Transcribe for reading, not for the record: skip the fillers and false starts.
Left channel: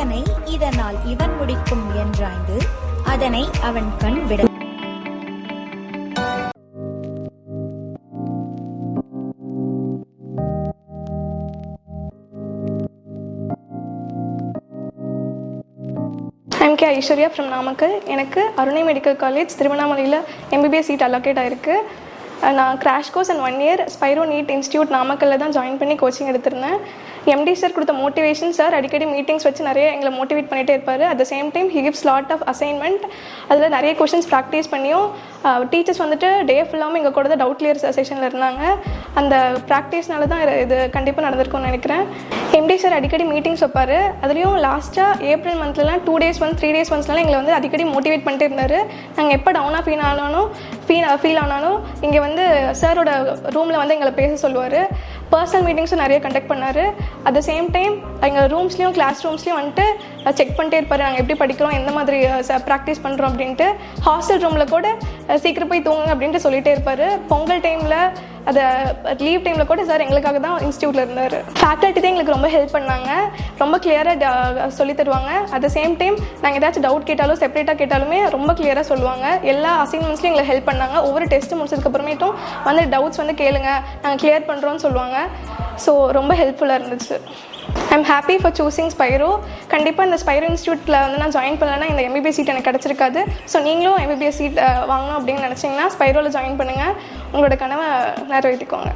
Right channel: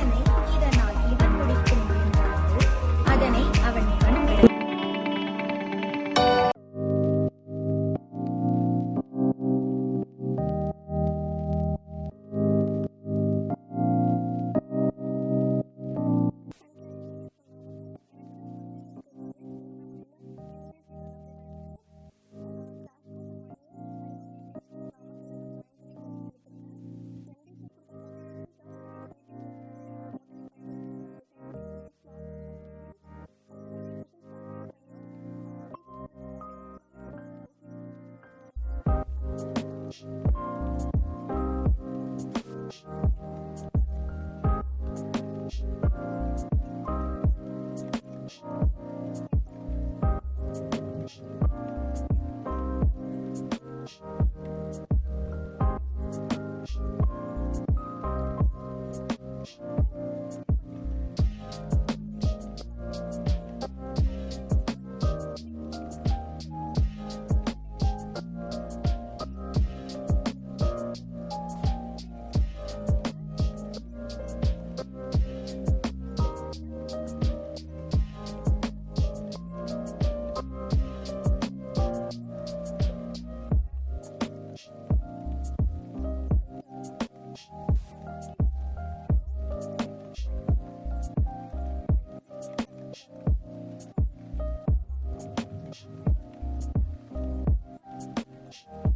இதனை இதனால் இவன் முடிக்கும் என்றாய்ந்து அதனை அவன் கண் விட I'm K. Aishwarya from Namakkal. எனக்கு அருணை மெடிக்கல் காலேஜ் திருவண்ணாமலையில் MBBS சீட் அலோகேட் ஆயிருக்கு. நான் crash course and 1 year Spiro NEET institute நாமக்கல்லில் தான் ஜாயின் பண்ணி கோச்சிங் எடுத்திருந்தேன். எம்டி சார் கொடுத்த மோட்டிவேஷன் சார் அடிக்கடி மீட்டிங்ஸ் வச்சு நிறைய எங்களை மோட்டிவேட் பண்ணிகிட்டே இருப்பார். At the same time he gives lot of assignment. அதில் நிறைய கொஷின்ஸ் ப்ராக்டிஸ் பண்ணியும் டீச்சர்ஸ் வந்துட்டு டே ஃபுல்லாகவும் எங்கள் கூட தான் டவுட் கிளியர் செஷனில் இருந்தாங்க. அந்த ப்ராக்டிஸ்னால தான் இது கண்டிப்பாக நடந்திருக்கும்னு நினைக்கிறேன். எம்டி சார் அடிக்கடி மீட்டிங்ஸ் வைப்பார். அதுலேயும் லாஸ்ட்டாக ஏப்ரல் மந்த்லலாம் 2 days once 3 days onceலாம் எங்களை வந்து அடிக்கடி மோட்டிவேட் பண்ணிட்டே இருந்தார். நாங்கள் எப்போ டவுனாக ஃபீல் ஆனாலும் இங்கே வந்து சாரோட ரூமில் வந்து எங்களை பேச சொல்லுவார். பர்சனல் மீட்டிங்ஸும் நிறைய கண்டக்ட் பண்ணார். அட் த சேம் டைம் எங்கள் ரூம்ஸ்லேயும் கிளாஸ் ரூம்ஸ்லேயும் வந்துட்டு செக் பண்ணிட்டே இருப்பார். நாங்கள் எப்படி படிக்கிறோம், எந்த மாதிரி ப்ராக்டிஸ் பண்ணுறோம் அப்படின்ட்டு. ஹாஸ்டல் ரூமில் கூட சீக்கிரம் போய் தூங்குங்க அப்படின்ட்டு சொல்லிகிட்டே இருப்பார். பொங்கல் டைமில் அதை லீவ் டைமில் கூட சார் எங்களுக்காக தான் இன்ஸ்டியூட்டில் இருந்தார். ஃபேக்கல்ட்டி தான் எங்களுக்கு ரொம்ப ஹெல்ப் பண்ணாங்க. ரொம்ப கிளியராக சொல்லி தருவாங்க. அட் த சேம் டைம் நாங்கள் ஏதாச்சும் டவுட் கேட்டாலும் செப்பரேட்டாக கேட்டாலுமே ரொம்ப கிளியராக சொல்லுவாங்க. எல்லா அசைன்மெண்ட்ஸ்லையும் எங்களை ஹெல்ப் பண்ணாங்க. ஒவ்வொரு டெஸ்ட்டு முடிச்சதுக்கப்புறமேட்டும் வந்து டவுட்ஸ் வந்து கேளுங்க, நாங்கள் கிளியர் பண்ணுறோன்னு சொல்லுவாங்க. ஸோ ரொம்ப ஹெல்ப்ஃபுல்லாக இருந்துச்சு. I'm happy for choosing Spiro. கண்டிப்பாக இந்த ஸ்பைரோ இன்ஸ்டியூட்டில் வந்து நான் ஜாயின் பண்ணலைன்னா இந்த MBBS சீட் எனக்கு கிடச்சிருக்காது. ஸோ நீங்களும் MBBS சீட் வாங்கணும் அப்படின்னு நினச்சிங்கன்னா ஸ்பைரோவில் ஜாயின் பண்ணுங்கள். உங்களோட கனவை நிறைவேற்றிக்கோங்க.